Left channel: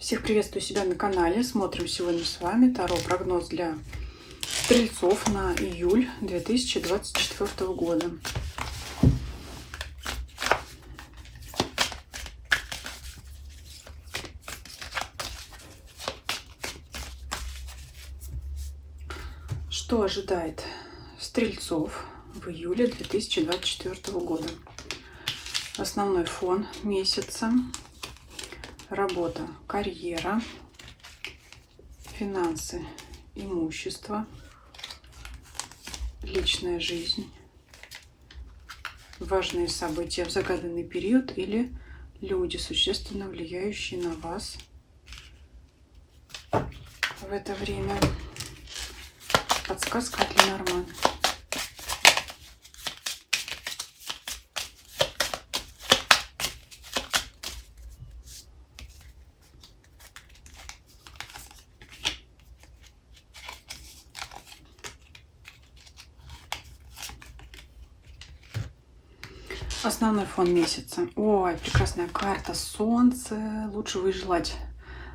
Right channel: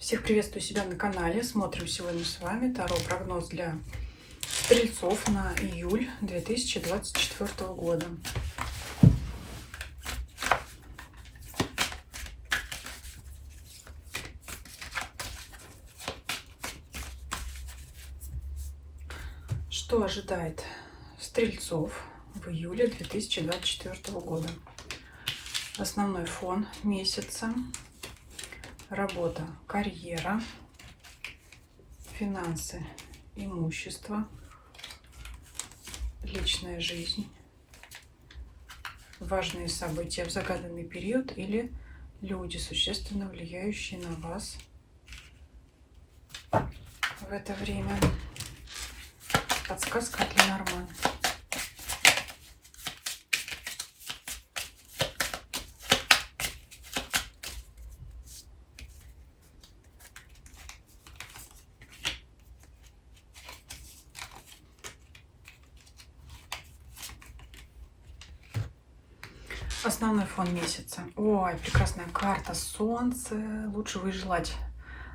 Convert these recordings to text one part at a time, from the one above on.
Всех приветствую себя на канале. Смотрим сегодня с вами Таро прогноз для стрельцов на июль 2024 года. Что ожидает стрельцов в июле 2024 года? Основной фон месяца. Работа, карьера, финансы, имущество, личная жизнь, важные события в загаданный период или люди, существенно влияющие на вас в это время. Подсказка от Ленорман. Основной фон месяца. Ой, прекрасная карта Солнце. Лучше вы желать,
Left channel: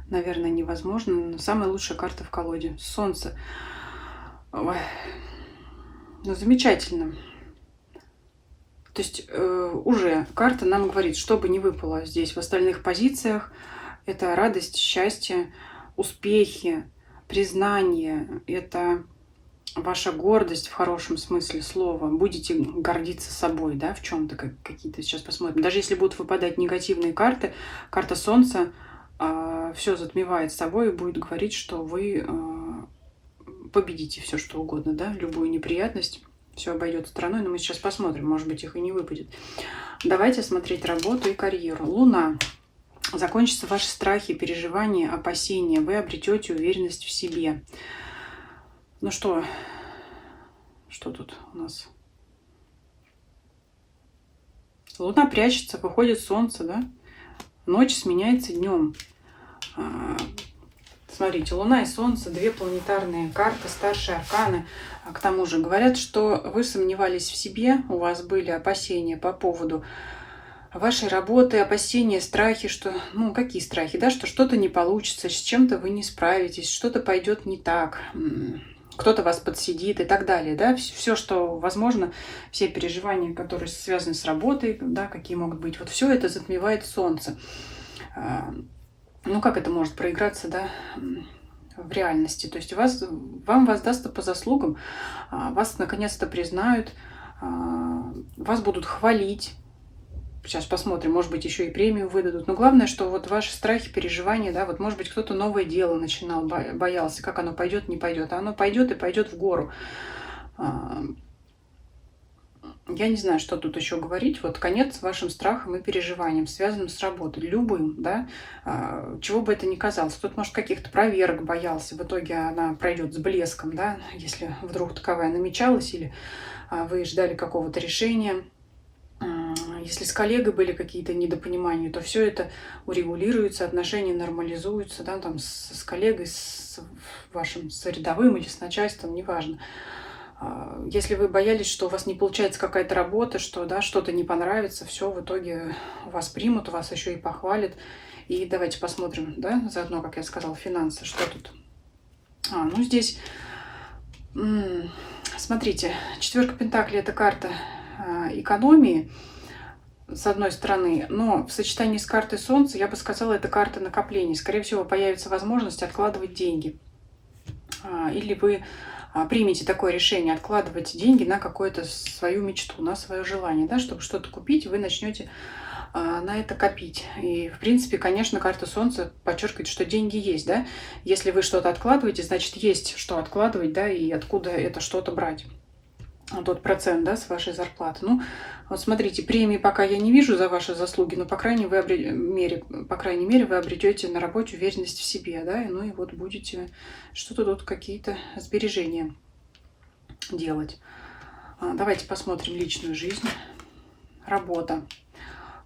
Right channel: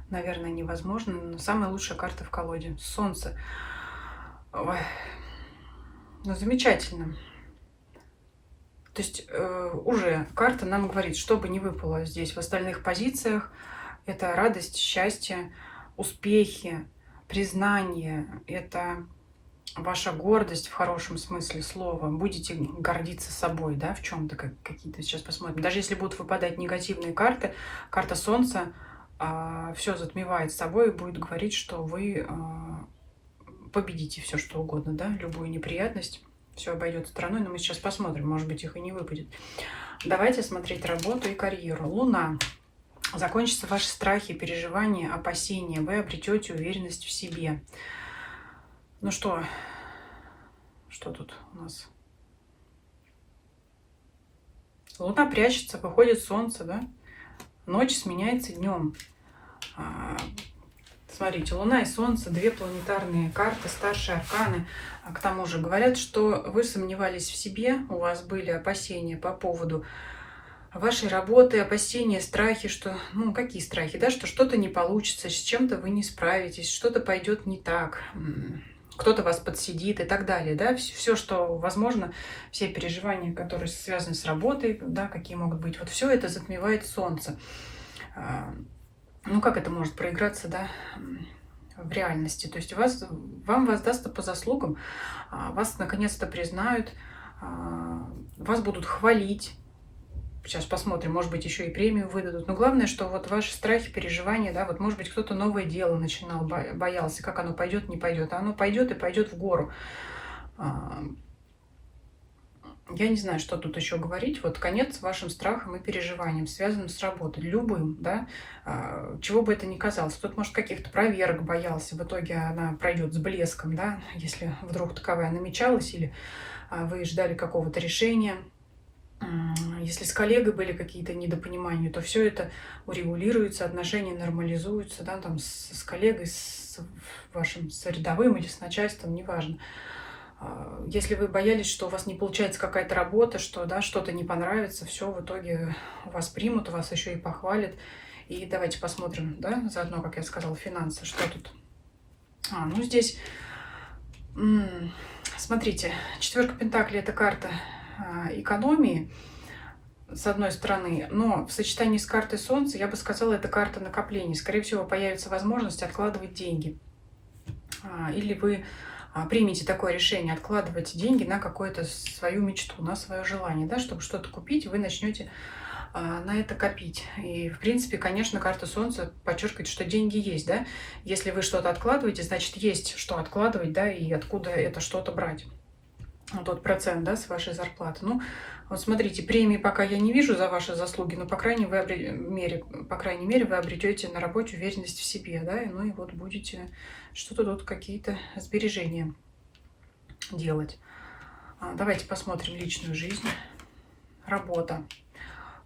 наверное, невозможно. Но самая лучшая карта в колоде. Солнце. Ой. Ну, замечательно. То есть уже карта нам говорит, что бы ни выпало здесь в остальных позициях, это радость, счастье, успехи, признание, это ваша гордость в хорошем смысле слова. Будете гордиться собой, да, в чем-то какие-то. Сейчас посмотрим. Даже если будут выпадать негативные карты, карта Солнца все затмевает собой и будет говорить, что вы победите все, что угодно, да, любую неприятность. Все обойдет стороной, но мы сейчас посмотрим, может быть, их и не выпадет. Давайте смотреть работу и карьеру. Луна. Закончатся ваши страхи, переживания, опасения. Вы обретете уверенность в себе. Ну что тут у нас? Луна прячется, выходит солнце, да? Ночь сменяется днем. Смотрите, Луна и Солнце, две планетарные карты, старшие арканы. К тому же говорят, что вы сомневались в себе, у вас были опасения по поводу вашей работы, опасения, страхи, что, ну, какие страхи, да, что что-то не получится, с чем-то вы не справитесь, что-то пойдет не так, кто-то вас подсидит и так далее, да, все, что возможно, все переживания, которые связаны с работой, да, какие могут быть, вот все это затмевает Солнце. Ну, как это может проиграться, да, в реальности? То есть вам воздастся по заслугам, вас наконец-то признают, вас будут хвалить. Сейчас посмотрим, может быть, еще и премию выдадут. Но главное, что вот ваши страхи, переживания, да, вот может быть, кто-то новое дело начинал, боялся, как оно пойдет, не пойдет. А оно пойдет и пойдет в гору. Я не знаю, что тут еще говорить. Вот конец вашим страхам и переживаниям, связанным с работой, любым, да, чего бы это ни казалось. Кто-то, может, каких-то проверок боялся, в итоге она пройдет с блеском, да, если вдруг таковая намечалась, или вы ждали какого-то решения. Если с коллегой были какие-то недопонимания, то все это урегулируется, отношения нормализуются, да, там с коллегой, с вашим с рядовым или с начальством, неважно. Если вы боялись, что у вас не получается какая-то работа, что, да, что-то не понравится, все в итоге вас примут, вас еще и похвалят. И давайте посмотрим, да, заодно, как я сказала, финансы, что тут. Ну здесь, смотрите, четверка пентаклей — это карта экономии, с одной стороны, но в сочетании с картой Солнца, я бы сказала, это карта накоплений. Скорее всего, появится возможность откладывать деньги. Или вы примите такое решение, откладывать деньги на какую-то свою мечту, на свое желание, да, чтобы что-то купить, вы начнете на это копить. И, в принципе, конечно, карта Солнца подчеркивает, что деньги есть, да. Если вы что-то откладываете, значит, есть что откладывать, да, и откуда это что-то брать. Тот процент, да, с вашей зарплаты. Ну, вот смотрите, премии пока я не вижу за ваши заслуги, но, по крайней мере, вы обретете на работе уверенность в себе, да, ну и вот будете что-то тут, какие-то сбережения делать. Давайте посмотрим личную жизнь. Работа.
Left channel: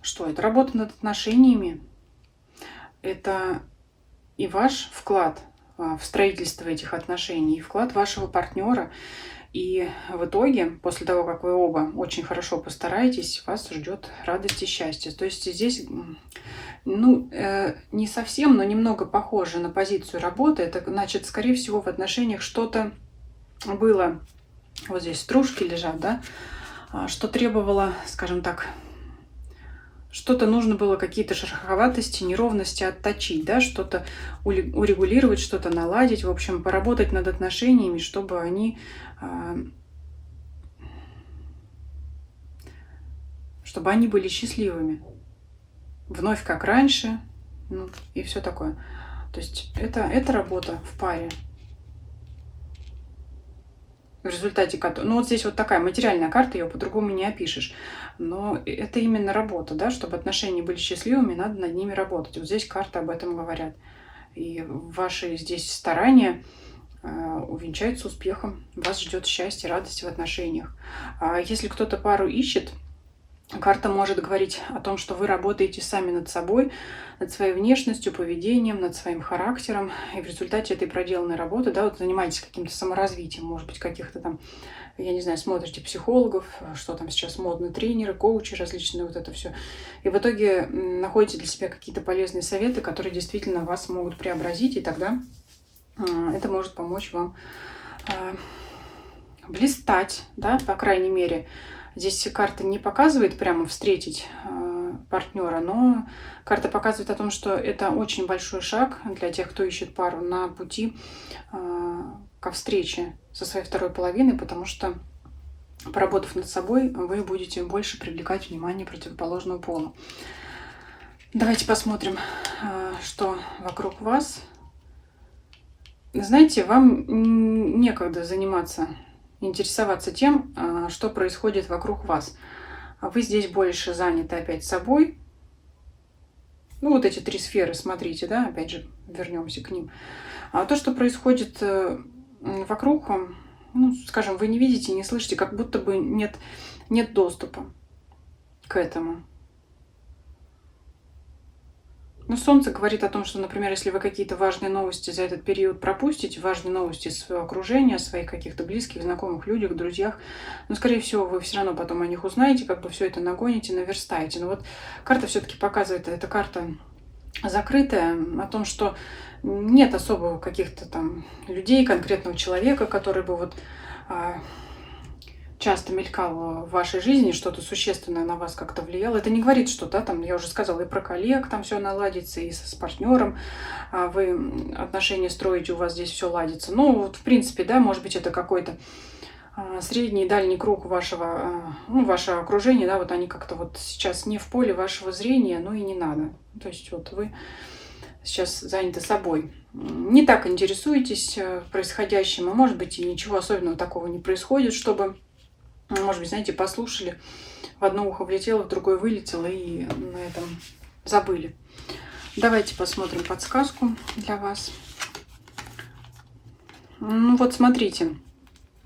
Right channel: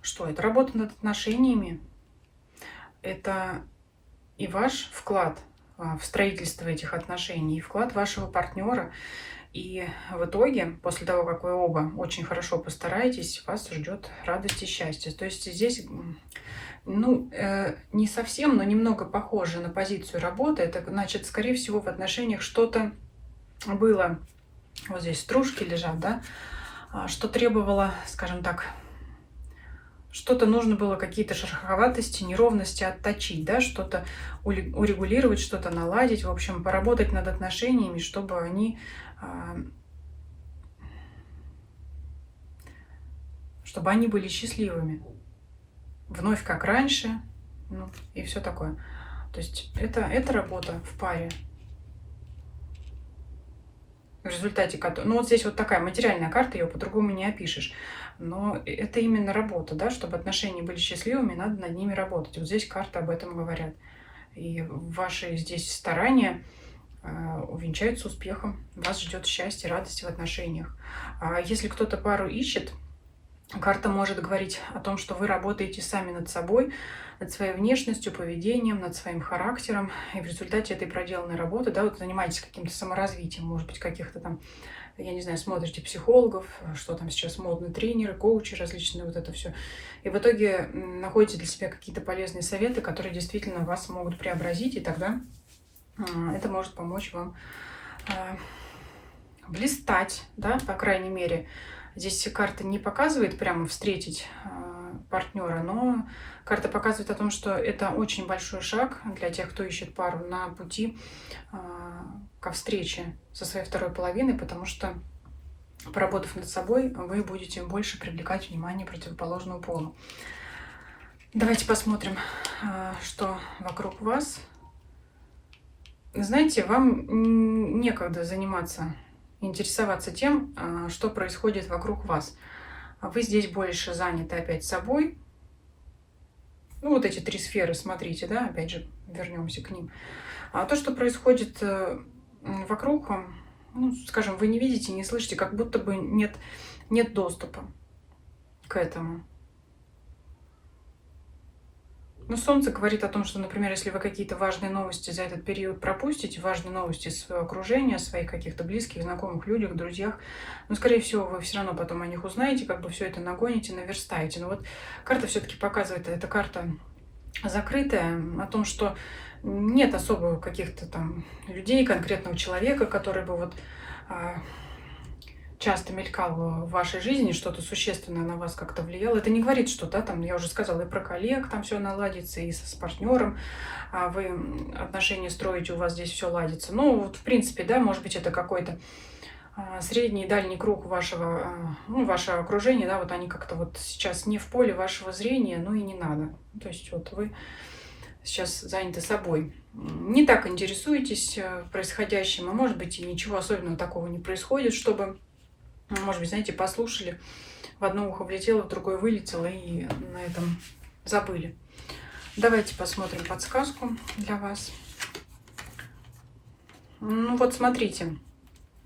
Что это? Работа над отношениями. Это и ваш вклад в строительство этих отношений, и вклад вашего партнера. И в итоге, после того, как вы оба очень хорошо постараетесь, вас ждет радость и счастье. То есть здесь, ну, не совсем, но немного похоже на позицию работы. Это значит, скорее всего, в отношениях что-то было, вот здесь стружки лежат, да, что требовало, скажем так, что-то нужно было, какие-то шероховатости, неровности отточить, да, что-то урегулировать, что-то наладить, в общем, поработать над отношениями, чтобы они, были счастливыми. Вновь как раньше, ну, и все такое. То есть это работа в паре. В результате, ну вот здесь вот такая материальная карта, ее по-другому не опишешь. Но это именно работа, да, чтобы отношения были счастливыми, надо над ними работать. Вот здесь карты об этом говорят. И ваши здесь старания увенчаются успехом. Вас ждет счастье, радость в отношениях. А если кто-то пару ищет, карта может говорить о том, что вы работаете сами над собой, над своей внешностью, поведением, над своим характером. И в результате этой проделанной работы, да, вот занимаетесь каким-то саморазвитием, может быть, каких-то там, я не знаю, смотрите психологов, что там сейчас модно, тренеры, коучи различные, вот это все. И в итоге находите для себя какие-то полезные советы, которые действительно вас могут преобразить, и тогда это может помочь вам блистать, да, по крайней мере. Здесь карта не показывает прямо встретить партнера, но карта показывает о том, что это очень большой шаг для тех, кто ищет пару на пути ко встрече со своей второй половиной, потому что, поработав над собой, вы будете больше привлекать внимание противоположного пола. Давайте посмотрим, что вокруг вас. Знаете, вам некогда интересоваться тем, что происходит вокруг вас. Вы здесь больше заняты опять собой. Ну, вот эти 3 сферы, смотрите, да, опять же, вернемся к ним. А то, что происходит вокруг, ну, скажем, вы не видите, не слышите, как будто бы нет доступа к этому. Но Солнце говорит о том, что, например, если вы какие-то важные новости за этот период пропустите, важные новости из своего окружения, своих каких-то близких, знакомых, людях, друзьях, но, скорее всего, вы все равно потом о них узнаете, как бы все это нагоните, наверстаете. Но вот карта все-таки показывает, эта карта закрытая, о том, что нет особо каких-то там людей, конкретного человека, который бы вот часто мелькало в вашей жизни, что-то существенное на вас как-то влияло. Это не говорит, что, да, там, я уже сказала, и про коллег там все наладится, и с партнером вы отношения строите, у вас здесь все ладится. Ну, вот, в принципе, да, может быть, это какой-то средний и дальний круг вашего, ну, ваше окружение, да, вот они как-то вот сейчас не в поле вашего зрения, ну и не надо. То есть вот вы сейчас заняты собой. Не так интересуетесь происходящим, а может быть и ничего особенного такого не происходит, чтобы, может быть, знаете, послушали, в одно ухо влетело, в другое вылетело, и на этом забыли. Давайте посмотрим подсказку для вас. Ну вот смотрите,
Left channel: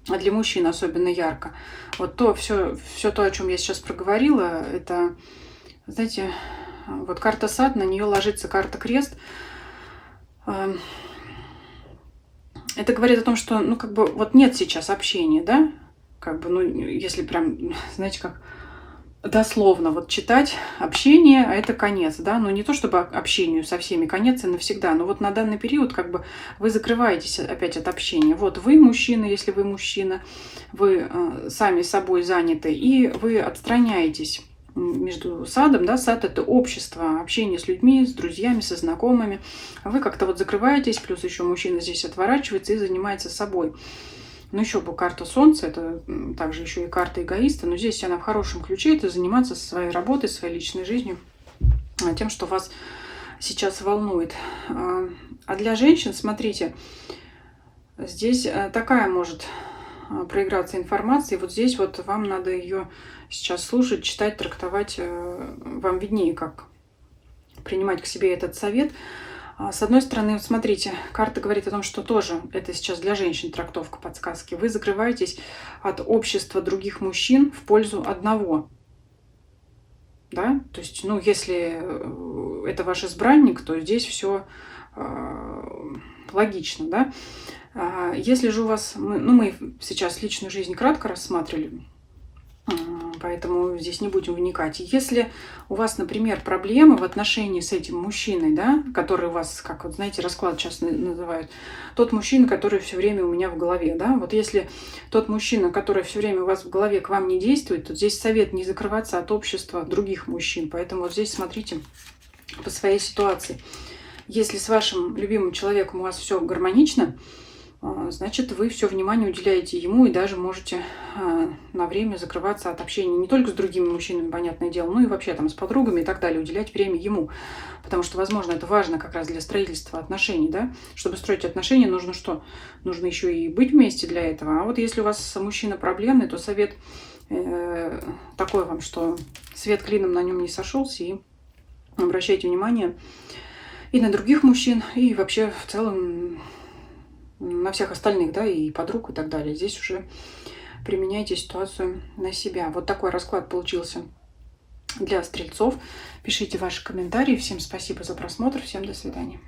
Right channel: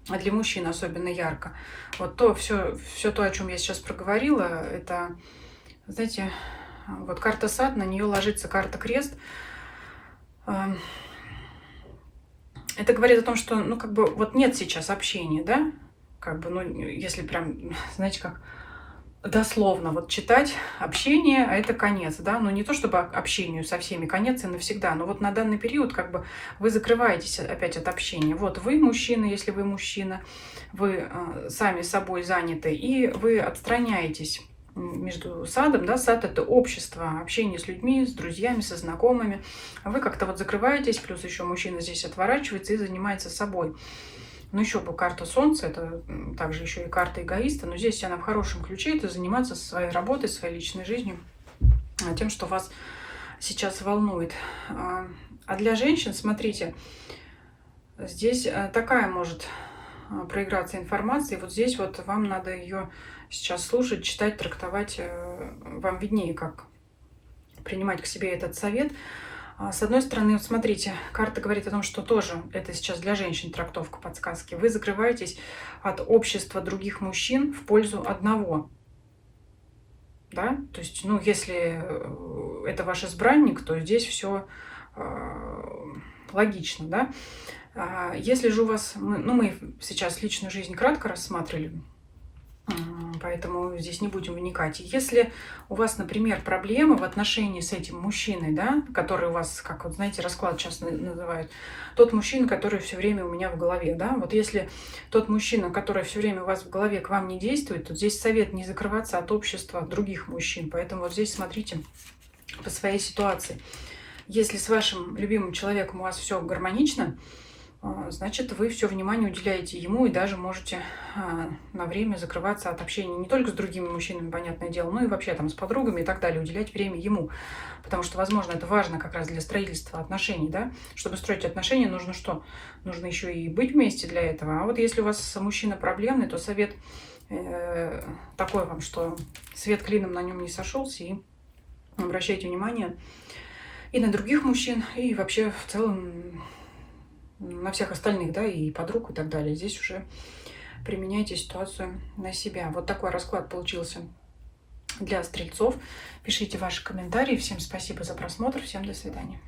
для мужчин особенно ярко. Вот все то, о чем я сейчас проговорила, это, знаете, вот карта сад, на нее ложится карта крест. Это говорит о том, что, ну, как бы, вот нет сейчас общения, да? Как бы, ну, если прям, знаете, как дословно вот читать общение, а это конец, да? Но не то, чтобы общению со всеми конец и навсегда, но вот на данный период, как бы, вы закрываетесь опять от общения. Вот вы мужчина, если вы мужчина, вы сами собой заняты, и вы отстраняетесь между садом, да, сад — это общество, общение с людьми, с друзьями, со знакомыми. Вы как-то вот закрываетесь, плюс еще мужчина здесь отворачивается и занимается собой. Ну, еще бы карта Солнца, это также еще и карта эгоиста, но здесь она в хорошем ключе, это заниматься своей работой, своей личной жизнью, тем, что вас сейчас волнует. А для женщин, смотрите, здесь такая может проиграться информация, и вот здесь вот вам надо ее сейчас слушать, читать, трактовать, вам виднее, как принимать к себе этот совет. С одной стороны, вот смотрите, карта говорит о том, что тоже это сейчас для женщин трактовка, подсказки. Вы закрываетесь от общества других мужчин в пользу одного. Да? То есть, ну, если это ваш избранник, то здесь все логично, да? Если же у вас, мы сейчас личную жизнь кратко рассматривали, поэтому здесь не будем вникать. Если у вас, например, проблемы в отношении с этим мужчиной, да, который у вас, как вот знаете, расклад сейчас называют, тот мужчина, который все время у меня в голове, да, вот если тот мужчина, который все время у вас в голове, к вам не действует, то здесь совет не закрываться от общества других мужчин. Поэтому вот здесь смотрите по своей ситуации. Если с вашим любимым человеком у вас все гармонично, значит, вы все внимание уделяете ему и даже можете на время закрываться от общения не только с другими мужчинами, понятное дело, но и вообще там с подругами и так далее, уделять время ему. Потому что, возможно, это важно как раз для строительства отношений, да? Чтобы строить отношения, нужно что? Нужно еще и быть вместе для этого. А вот если у вас мужчина проблемный, то совет такой вам, что свет клином на нем не сошелся, и обращайте внимание и на других мужчин, и вообще в целом на всех остальных, да, и подруг и так далее. Здесь уже применяйте ситуацию на себя. Вот такой расклад получился для стрельцов. Пишите ваши комментарии. Всем спасибо за просмотр. Всем до свидания.